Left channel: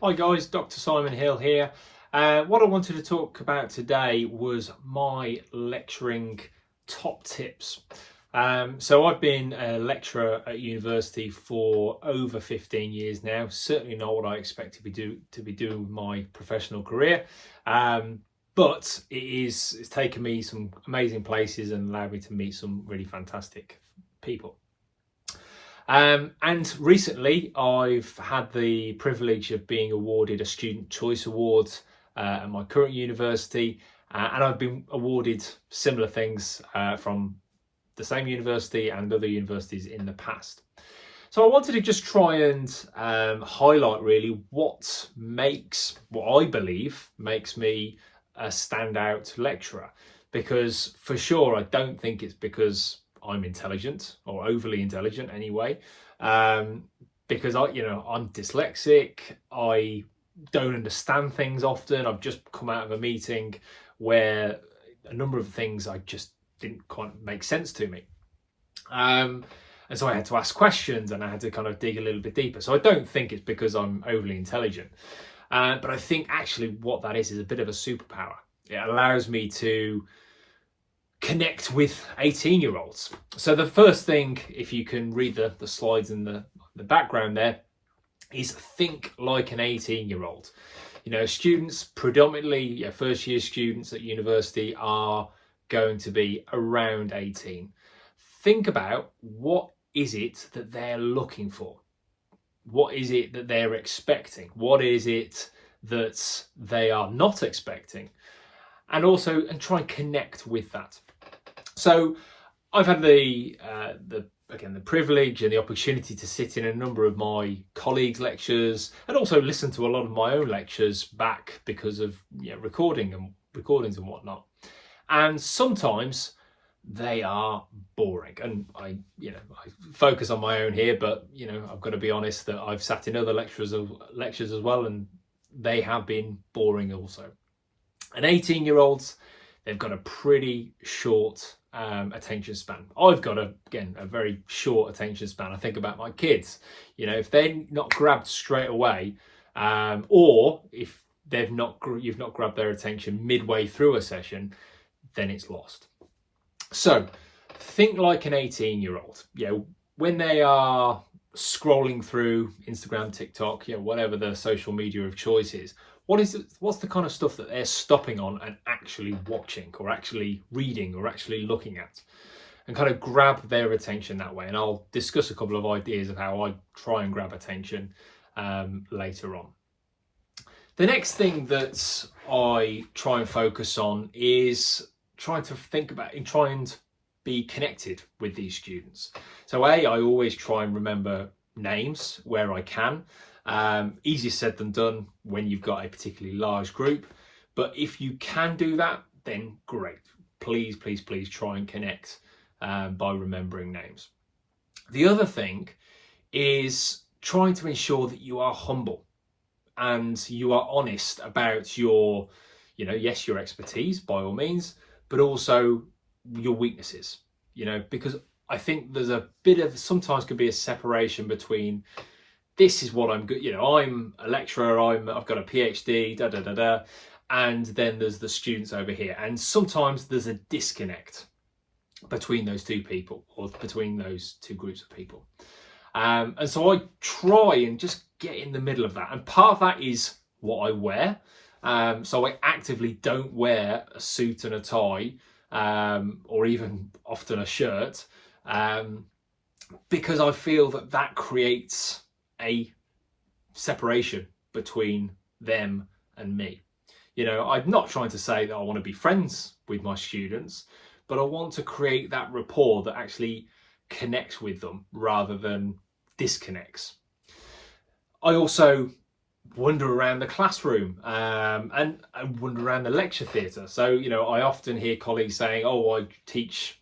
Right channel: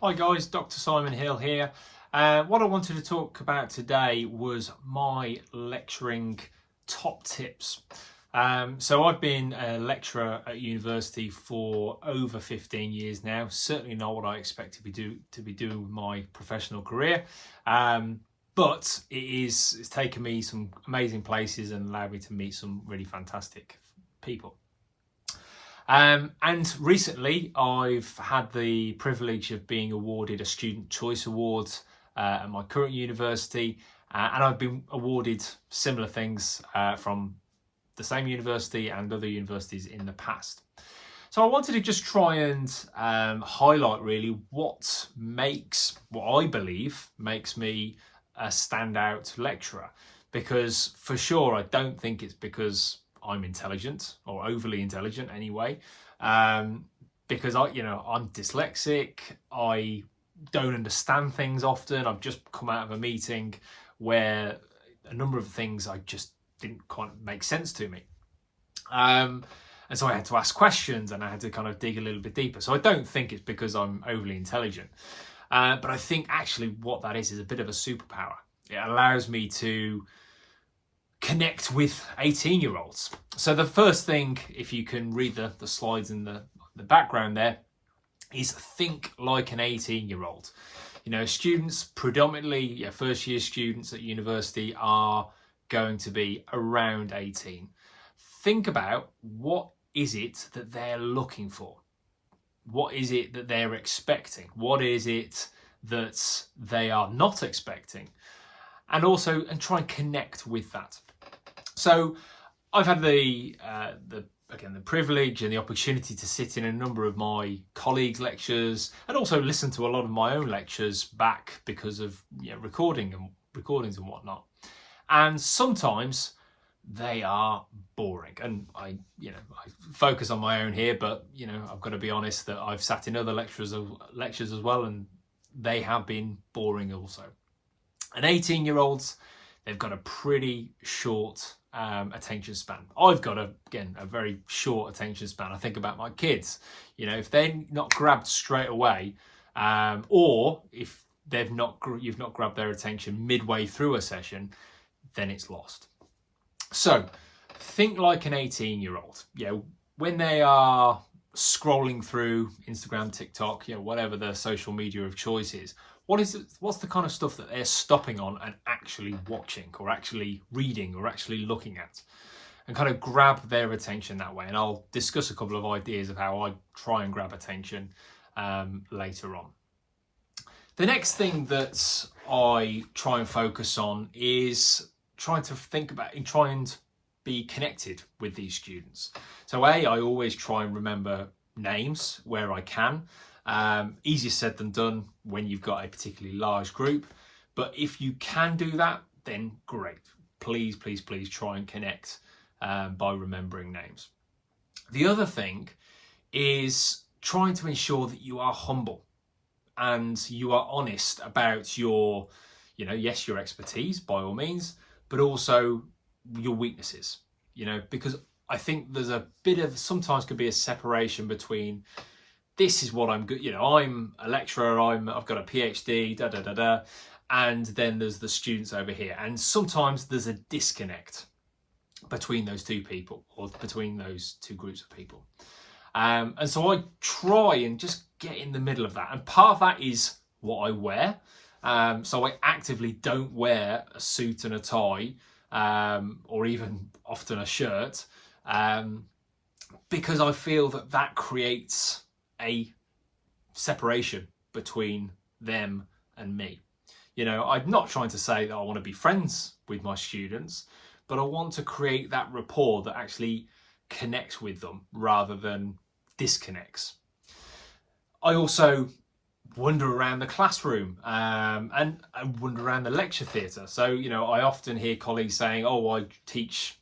Hi guys, Dr. Simon Hill here. What I wanted to talk about today was my lecturing top tips. So I've been a lecturer at university for over 15 years now. Certainly not what I expect to be doing with my professional career. But it's taken me some amazing places and allowed me to meet some really fantastic people. And recently I've had the privilege of being awarded a Student Choice Award at my current university, and I've been awarded similar things from the same university and other universities in the past. So I wanted to just try and highlight really what I believe makes me a standout lecturer, because for sure I don't think it's because I'm intelligent or overly intelligent anyway, because I'm dyslexic. I don't understand things often. I've just come out of a meeting where a number of things I just didn't quite make sense to me. And so I had to ask questions and I had to kind of dig a little bit deeper. So I don't think it's because I'm overly intelligent, but I think actually what that is a bit of a superpower. It allows me to connect with 18-year-olds. So the first thing, if you can read the slides in the background there, is think like an 18-year-old. You know, students, predominantly first year students at university, are going to be around 18. Think about what is it that they're looking for? What is it that they're expecting? What is it that they are not expecting? And try and connect with that. So I've had the privilege and the opportunity to sit in a number of my colleagues' lectures, and also listen to a lot of my own lectures back because of recordings and whatnot. And sometimes they are boring, and I focus on my own here, but I've got to be honest that I've sat in other lectures as well, and they have been boring also. And 18-year-olds, they've got a pretty short attention span. I've got a very short attention span. I think about my kids. If they're not grabbed straight away, or if you've not grabbed their attention midway through a session, then it's lost. So think like an 18-year-old. When they are scrolling through Instagram, TikTok, whatever the social media of choice is, what's the kind of stuff that they're stopping on and actually watching, or actually reading, or actually looking at, and kind of grab their attention that way. And I'll discuss a couple of ideas of how I try and grab attention later on. The next thing that I try and focus on is trying to think about and try and be connected with these students. So I always try and remember names where I can. Easier said than done when you've got a particularly large group, but if you can do that, then great. Please try and connect by remembering names. The other thing is trying to ensure that you are humble and you are honest about your expertise by all means, but also your weaknesses, because I think there's a bit of, sometimes can be a separation between, this is what I'm good, I'm a lecturer, I've got a PhD, and then there's the students over here. And sometimes there's a disconnect between those two people, or between those two groups of people. And so I try and just get in the middle of that. And part of that is what I wear. So I actively don't wear a suit and a tie, or even often a shirt, because I feel that creates a separation between them and me. I'm not trying to say that I want to be friends with my students, but I want to create that rapport that actually connects with them rather than disconnects. I also wander around the classroom and I wander around the lecture theatre. So, I often hear colleagues saying, oh, I teach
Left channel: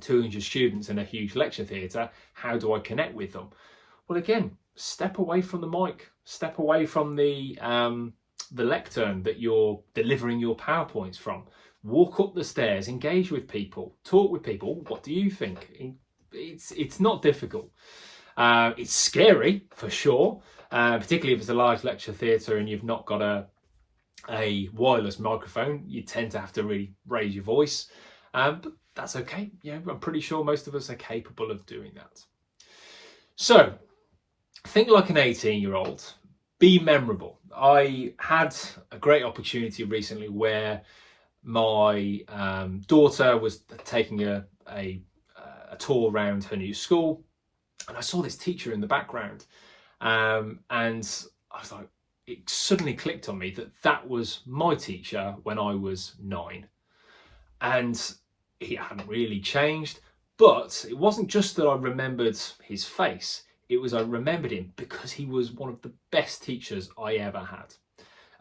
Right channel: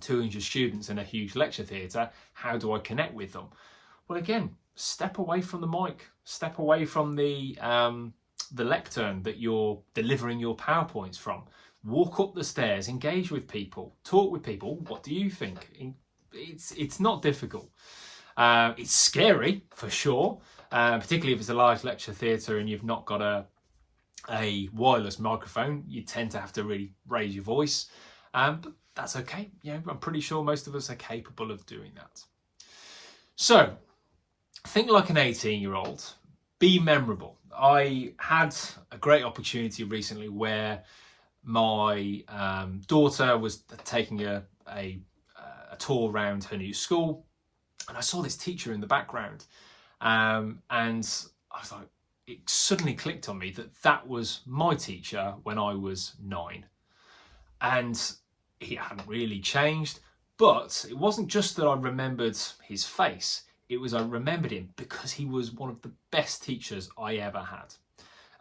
200 students in a huge lecture theatre. How do I connect with them? Well, again, step away from the mic, step away from the lectern that you're delivering your PowerPoints from. Walk up the stairs, engage with people, talk with people. What do you think? It's not difficult. It's scary for sure, particularly if it's a large lecture theatre and you've not got a wireless microphone. You tend to have to really raise your voice, but that's okay. I'm pretty sure most of us are capable of doing that. So think like an 18-year-old, be memorable. I had a great opportunity recently where my daughter was taking a tour around her new school, and I saw this teacher in the background, and I was like, it suddenly clicked on me that was my teacher when I was 9, and he hadn't really changed. But it wasn't just that I remembered his face, it was I remembered him because he was one of the best teachers I ever had.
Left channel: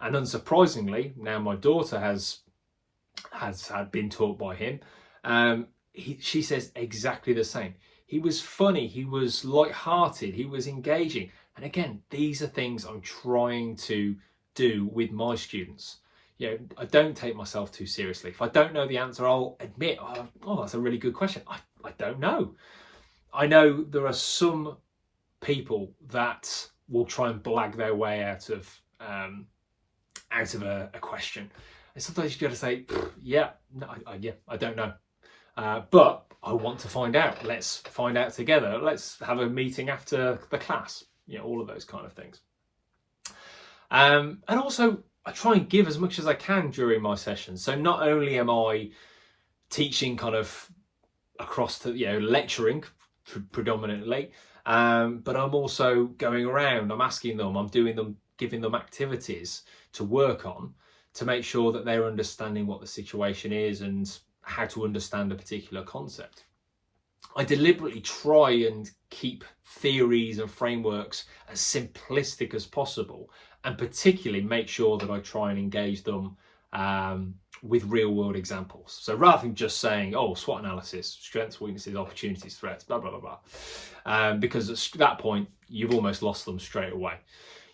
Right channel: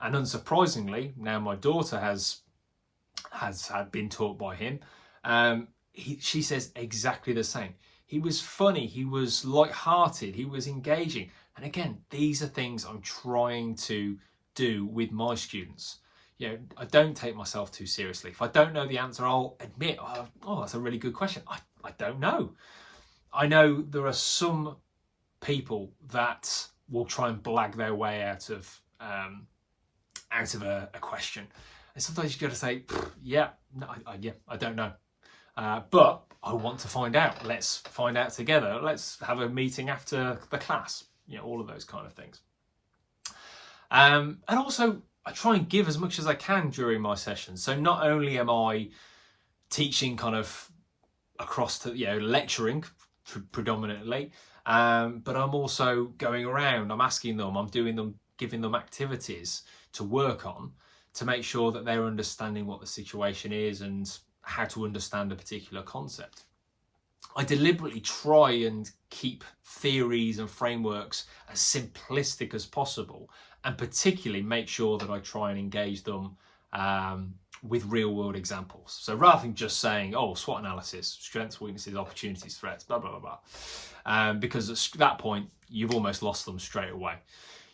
And unsurprisingly, now my daughter has had been taught by him. She says exactly the same. He was funny, he was light-hearted, he was engaging. And again, these are things I'm trying to do with my students. I don't take myself too seriously. If I don't know the answer, I'll admit, oh, that's a really good question. I don't know. I know there are some people that will try and blag their way out of a question. And sometimes you got to say, I don't know. But I want to find out. Let's find out together. Let's have a meeting after the class. All of those kind of things. And also, I try and give as much as I can during my sessions. So not only am I teaching kind of across to, lecturing predominantly, but I'm also going around, I'm asking them, I'm doing them, giving them activities to work on to make sure that they're understanding what the situation is and how to understand a particular concept. I deliberately try and keep theories and frameworks as simplistic as possible, and particularly make sure that I try and engage them with real world examples. So rather than just saying, SWOT analysis, strengths, weaknesses, opportunities, threats, blah, blah, blah, blah. Because at that point, you've almost lost them straight away.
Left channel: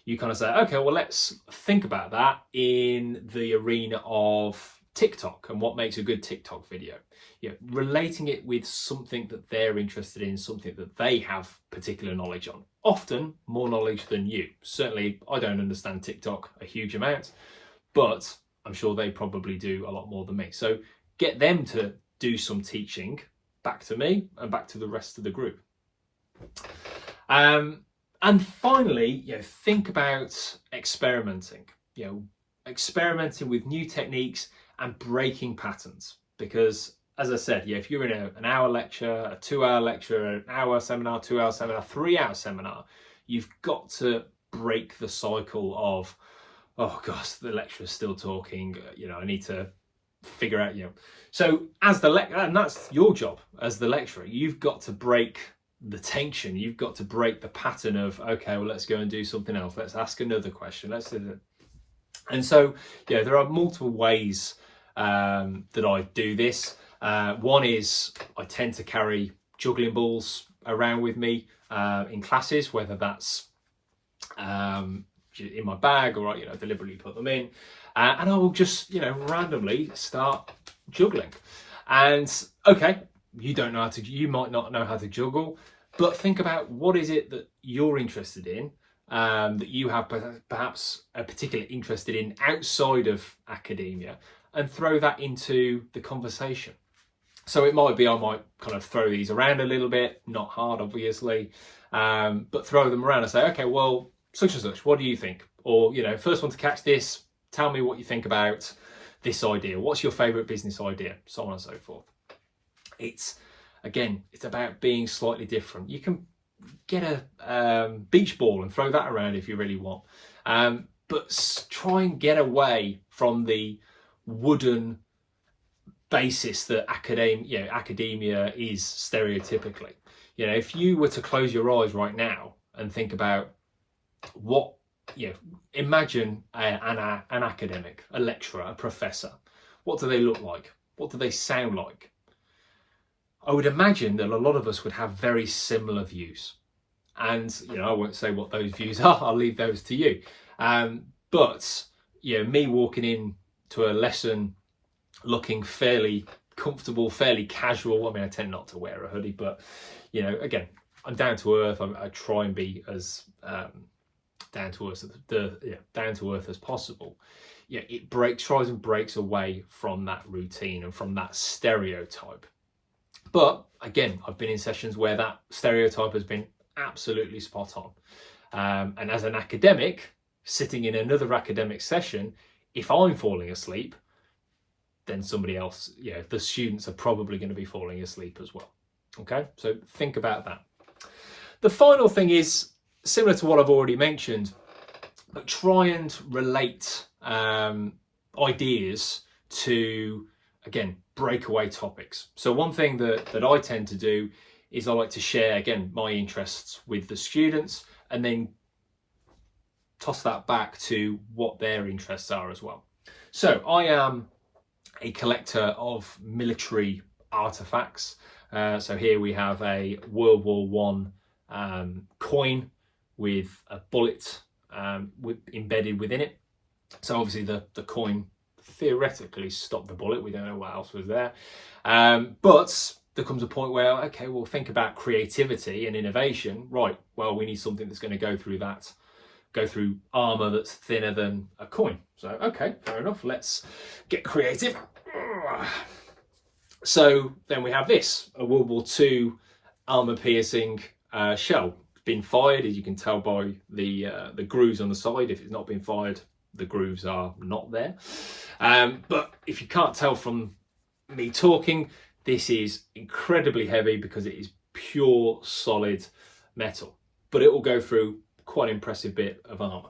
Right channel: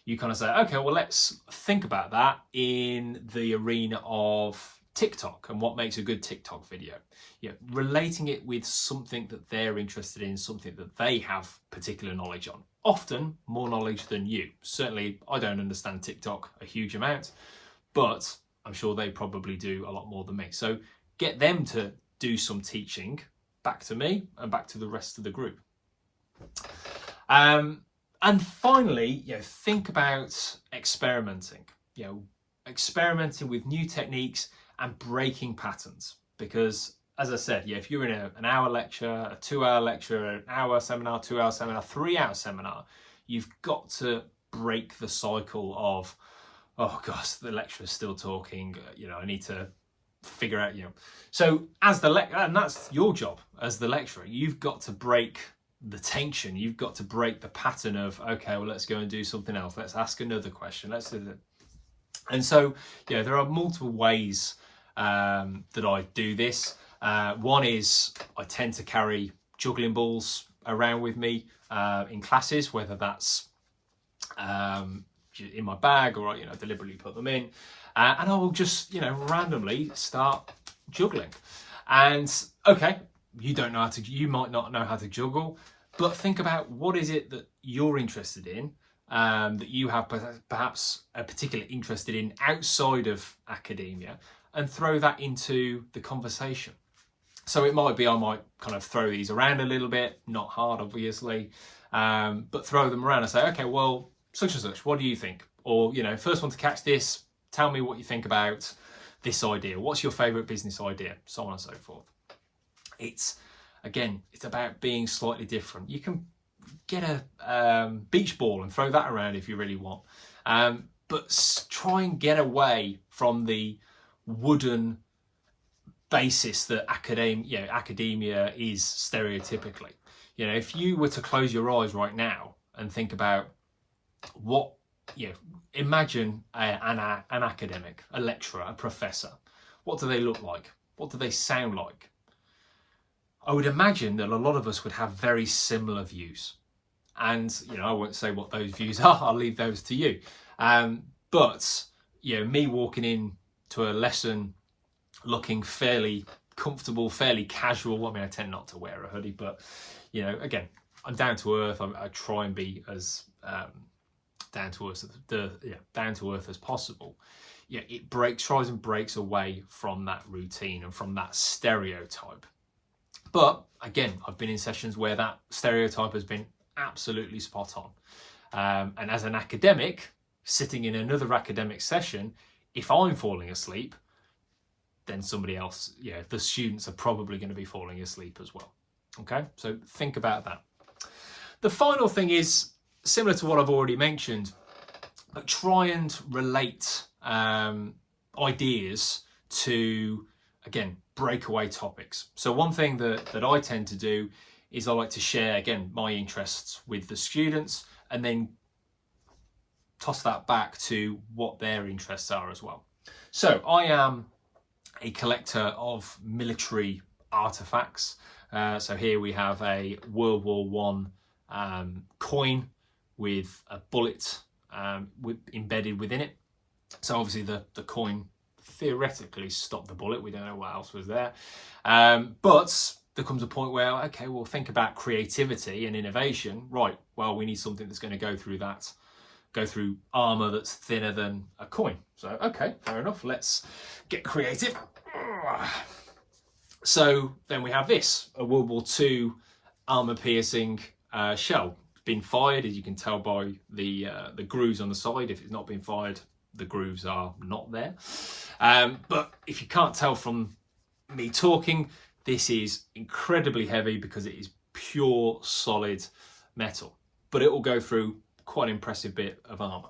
You kind of say, okay, well, let's think about that in the arena of TikTok and what makes a good TikTok video. Relating it with something that they're interested in, something that they have particular knowledge on. Often more knowledge than you. Certainly, I don't understand TikTok a huge amount, but I'm sure they probably do a lot more than me. So get them to do some teaching back to me and back to the rest of the group. And finally, think about experimenting. Experimenting with new techniques and breaking patterns, because as I said, if you're in an hour lecture, a 2-hour lecture, an hour seminar, 2-hour seminar, 3-hour seminar, you've got to break the cycle of, oh gosh, the lecturer's still talking, I need to figure out, So as the and that's your job as the lecturer, you've got to break the tension, you've got to break the pattern of, okay, well, let's go and do something else. Let's ask another question. Let's do it. And so, there are multiple ways that I do this. One is I tend to carry juggling balls around with me in classes, whether that's in my bag or deliberately put them in, and I will just randomly start juggling. And okay, you might not know how to juggle, but think about what is it that you're interested in, that you have perhaps a particular interest in outside of academia, and throw that into the conversation. So it might be I might kind of throw these around a little bit, not hard obviously, but throw them around and say, okay, well, such and such, what do you think? Or, first one to catch this, tell me what you think about this idea. What's your favourite business idea? So on and so forth. It's about being slightly different. You can get a beach ball and throw that around if you really want. But try and get away from the wooden basis that academia is stereotypically. If you were to close your eyes right now and think about what, imagine an academic, a lecturer, a professor. What do they look like? What do they sound like? I would imagine that a lot of us would have very similar views. And, I won't say what those views are, I'll leave those to you. But, me walking in to a lesson looking fairly comfortable, fairly casual. I mean, I tend not to wear a hoodie, but, again, I'm down to earth. I try and be as down to earth, down to earth as possible, it tries and breaks away from that routine and from that stereotype. But again, I've been in sessions where that stereotype has been absolutely spot on. And as an academic, sitting in another academic session, if I'm falling asleep, then somebody else, the students are probably going to be falling asleep as well. Okay, so think about that. The final thing is similar to what I've already mentioned, but try and relate ideas to, again, breakaway topics. So one thing that I tend to do is I like to share, again, my interests with the students and then toss that back to what their interests are as well. So I am a collector of military artifacts. So here we have a World War One coin with a bullet embedded within it. So obviously the coin theoretically stopped the bullet. We don't know what else was there. But there comes a point where, okay, we'll think about creativity and innovation. Right, well, we need something that's going to go through armor that's thinner than a coin. So, okay, fair enough. Let's get creative. So then we have this, a World War II armor-piercing shell. It's been fired, as you can tell by the grooves on the side. If it's not been fired, the grooves are not there. But if you can't tell from me talking, this is incredibly heavy because it is pure solid metal. But it will go through quite an impressive bit of armor.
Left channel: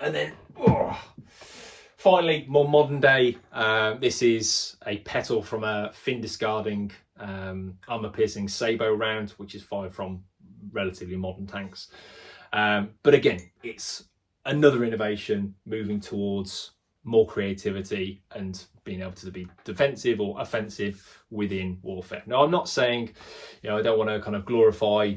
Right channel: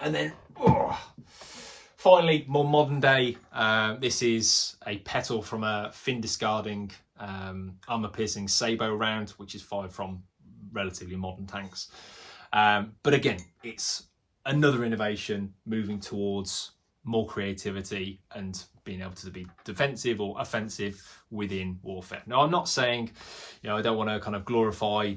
And then, finally, more modern day, this is a petal from a fin discarding armor-piercing sabot round, which is fired from relatively modern tanks. But again, it's another innovation moving towards more creativity and being able to be defensive or offensive within warfare. Now, I'm not saying, I don't want to kind of glorify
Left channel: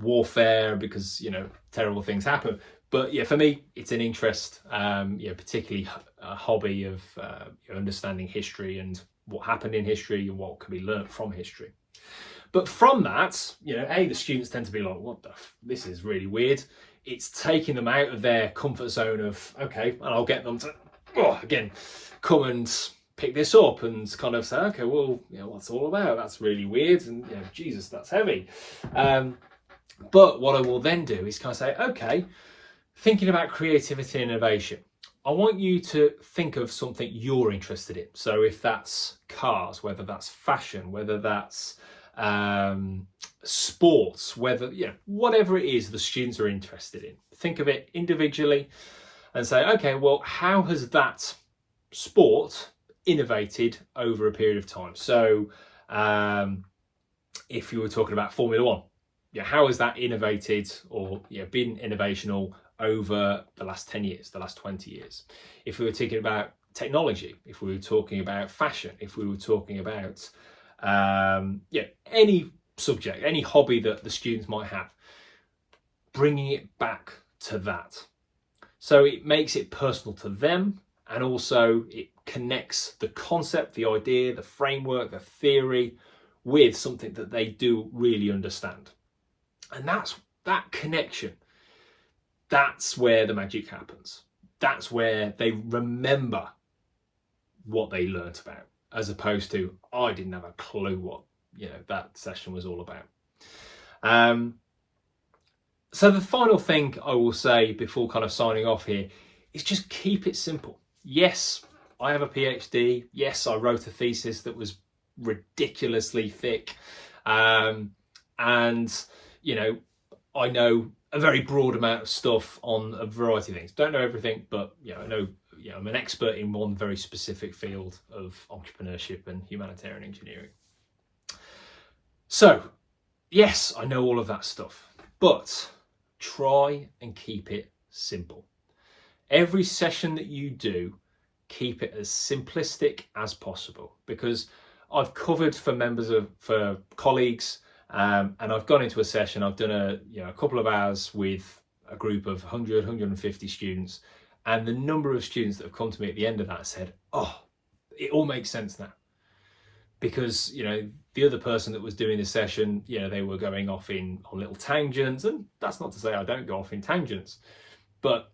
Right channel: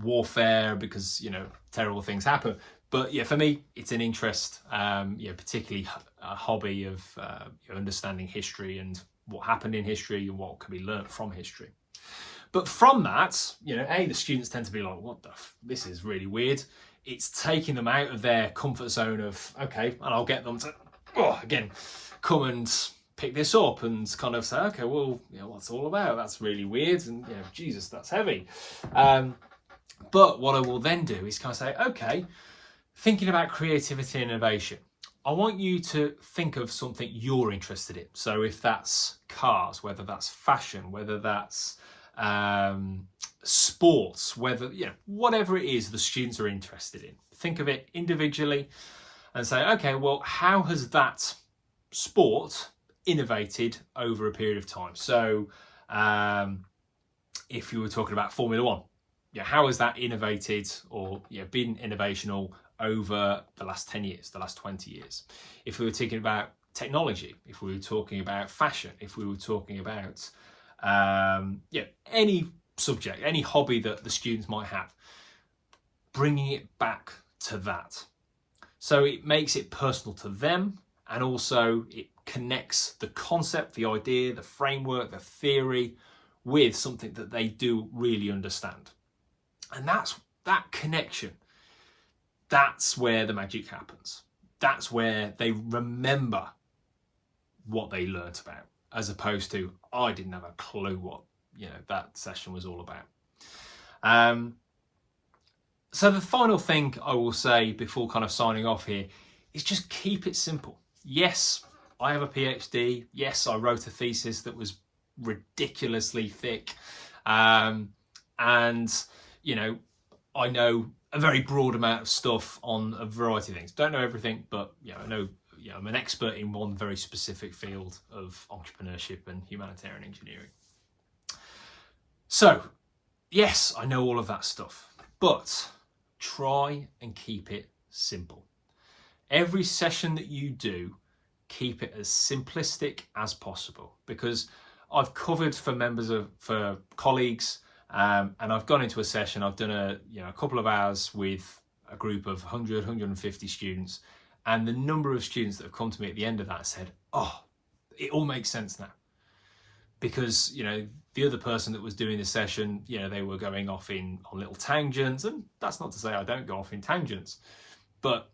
warfare because, terrible things happen. But for me, it's an interest, particularly a hobby of understanding history and what happened in history and what can be learnt from history. But from that, the students tend to be like, this is really weird. It's taking them out of their comfort zone of, okay, and I'll get them to, again, come and pick this up and kind of say, okay, well, what's it all about? That's really weird. And, Jesus, that's heavy. But what I will then do is kind of say, okay, thinking about creativity and innovation, I want you to think of something you're interested in. So if that's cars, whether that's fashion, whether that's sports, whatever it is the students are interested in, think of it individually and say, okay, well, how has that sport innovated over a period of time? So if you were talking about Formula One, how has that innovated or been innovational over the last 10 years, the last 20 years? If we were talking about technology, if we were talking about fashion, if we were talking about any subject, any hobby that the students might have, bringing it back to that. So it makes it personal to them, and also it connects the concept, the idea, the framework, the theory with something that they do really understand. And that connection, that's where the magic happens. That's where they remember what they learnt about, as opposed to, I didn't have a clue what that session was all about. So the final thing I will say before kind of signing off here is just keep it simple. Yes, I have a PhD. Yes, I wrote a thesis that was ridiculously thick. And, I know a very broad amount of stuff on a variety of things. Don't know everything, but I know I'm an expert in one very specific field of entrepreneurship and humanitarian engineering. So, yes, I know all of that stuff, but try and keep it simple. Every session that you do, keep it as simplistic as possible, because I've covered for colleagues, and I've gone into a session, I've done a couple of hours with a group of 100, 150 students, and the number of students that have come to me at the end of that said, it all makes sense now. because, you know, the other person that was doing the session, you know, they were going off on little tangents, and that's not to say I don't go off in tangents, but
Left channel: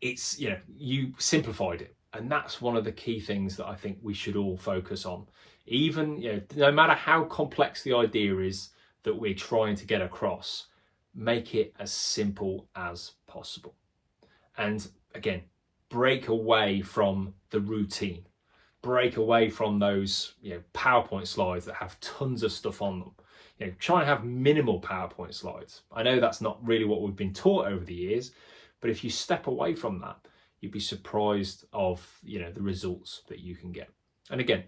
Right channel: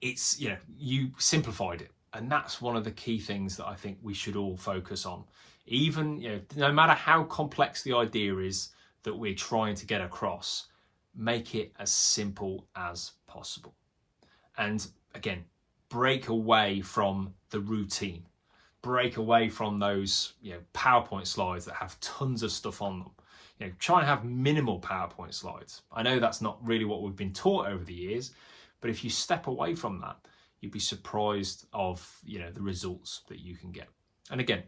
it's, you know, you simplified it. And that's one of the key things that I think we should all focus on. Even, you know, no matter how complex the idea is that we're trying to get across, make it as simple as possible. And again, break away from the routine. Break away from those, you know, PowerPoint slides that have tons of stuff on them. You know, try and have minimal PowerPoint slides. I know that's not really what we've been taught over the years, but if you step away from that, you'd be surprised of, you know, the results that you can get. And again,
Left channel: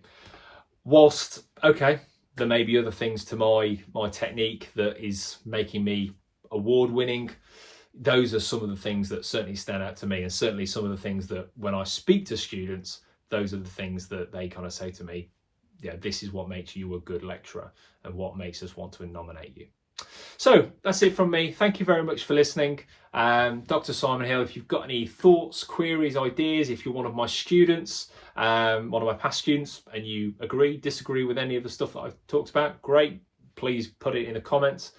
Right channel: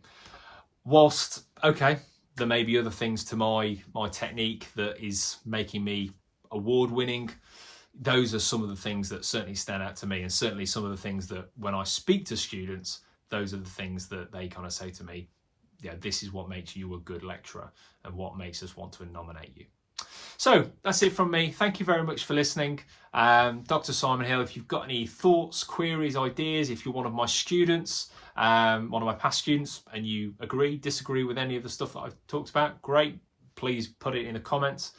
whilst, okay, there may be other things to my technique that is making me award-winning, those are some of the things that certainly stand out to me, and certainly some of the things that when I speak to students, those are the things that they kind of say to me, yeah, this is what makes you a good lecturer and what makes us want to nominate you. So that's it from me. Thank you very much for listening. Dr. Simon Hill, if you've got any thoughts, queries, ideas, if you're one of my students, one of my past students, and you agree, disagree with any of the stuff that I've talked about, great. Please put it in the comments.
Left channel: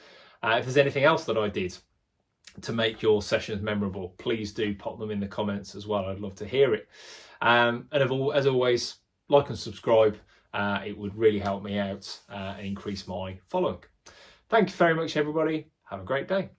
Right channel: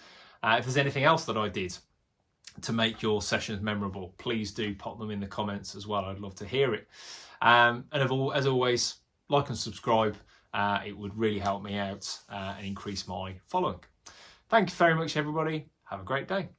If there's anything else that I did to make your sessions memorable, please do pop them in the comments as well. I'd love to hear it. And as always, like and subscribe. It would really help me out and increase my following. Thank you very much, everybody. Have a great day.